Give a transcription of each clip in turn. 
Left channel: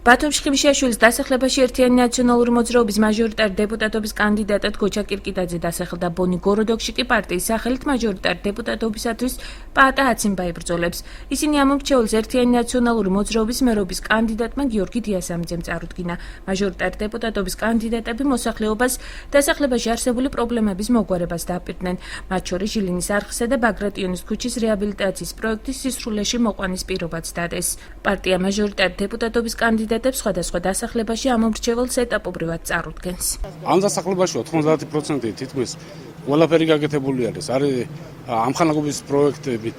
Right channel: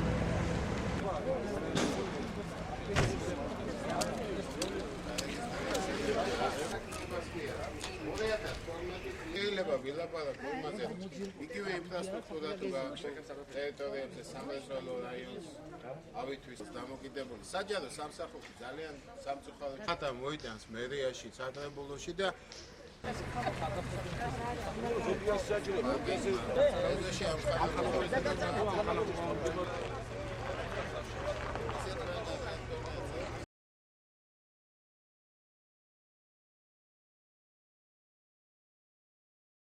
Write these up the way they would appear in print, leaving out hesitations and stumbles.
ბათუმ შხიმშიაშვილის დასახლებაში ერთიანი ნაციონალური მოძრაობის მაჟორიტარ დეპუტატობის კანდიდატად გოჩა კირკიტაძე დასახელდა. ბონი გოროდოკში კი პარტიის სახელით მაჟორიტარ დეპუტატობისათვის პაატა აციმბა იბრძოლებს. ისინი ამომრჩეველს ერთიანი ნაციონალური მოძრაობის მერობის კანდიდატმა გიორგი დიასამიძემ წარუდგინა. მაჟორიტარ დეპუტატობის კანდიდატები მოსახლეობას დასახლებაში არსებული პრობლემების მოგვარებას დააპირდნენ. მათ შორის ჟილინის არხისა და ბაგრატიონის ქუჩის რეაბილიტაციის პროექტის სისრულეში მოყვანის პირობაც დადეს. პარტია მაჟორიტარ დეპუტატობის კანდიდატებს სხვადასხვა დასახლებაში ამომრჩეველს ეტაპობრივად წარუდგენს. ამ დასახლებაში 90% თითქმის ყველაფერი გაკეთებული არის. არის ამხანაგობის პროექტებით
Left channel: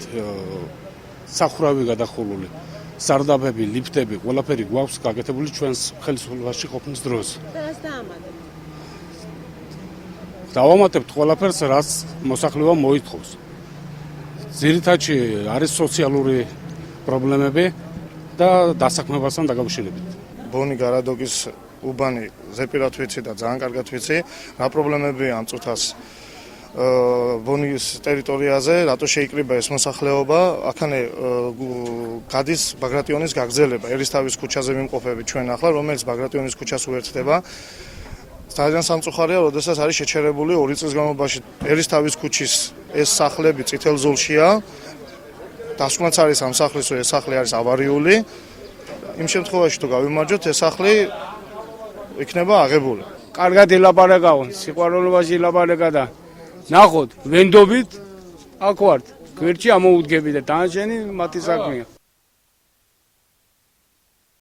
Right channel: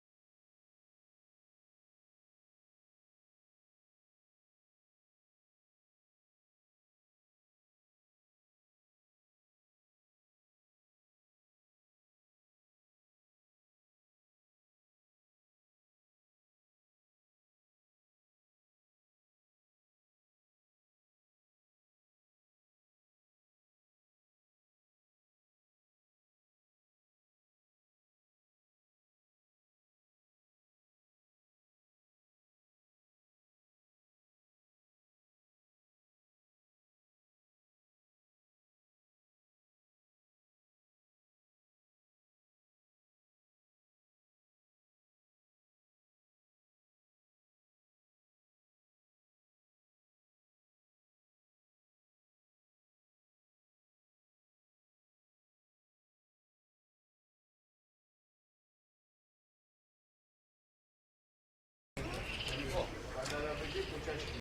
სახურავი გადახურული, სარდაფები, ლიფტები, ყველაფერი გვაქვს გაკეთებული ჩვენს ხელისუფლებაში ყოფნის დროს. დავამატებთ ყველაფერს, რაც მოსახლეობა მოითხოვს. ძირითადში არის სოციალური პრობლემები და დასაქმებასთან დაკავშირებით. ბონი გარადოკის უბანი ზეპირად ვიცი და ძალიან კარგად ვიცი, რა პრობლემებია ამ წუთას ბონის ტერიტორიაზე, რატო შეიკრიბა ეს მოსახლეობა, აქანე გადის ბაგრატიონის გაგრძელება, ერისთავის ქუჩაზე მიმყოფები ჩვენ ახლა, რომელიც ბაგრატიონის ქუჩას უერთდება. ძალიან სამწუხარია, როდესაც არის შეჩერებული 2 წლის განმავლობაში ერისთავის ქუჩის ეს სახლები წითელ ზოლშია. დასკვნაც არის ამ სახლის, რომ ეს სახლი არის ავარიული. იმ შემთხვევაში თუ გავიმარჯვოთ, ეს სახლი იქნება აღებული. კარგად ელაპარაკავ, სიყვარულობაში ელაპარაკა და ნახოთ, ვენდობით აქ ვართ, გვერდში ამოუდგები და დანარჩენი მათი საქმეა.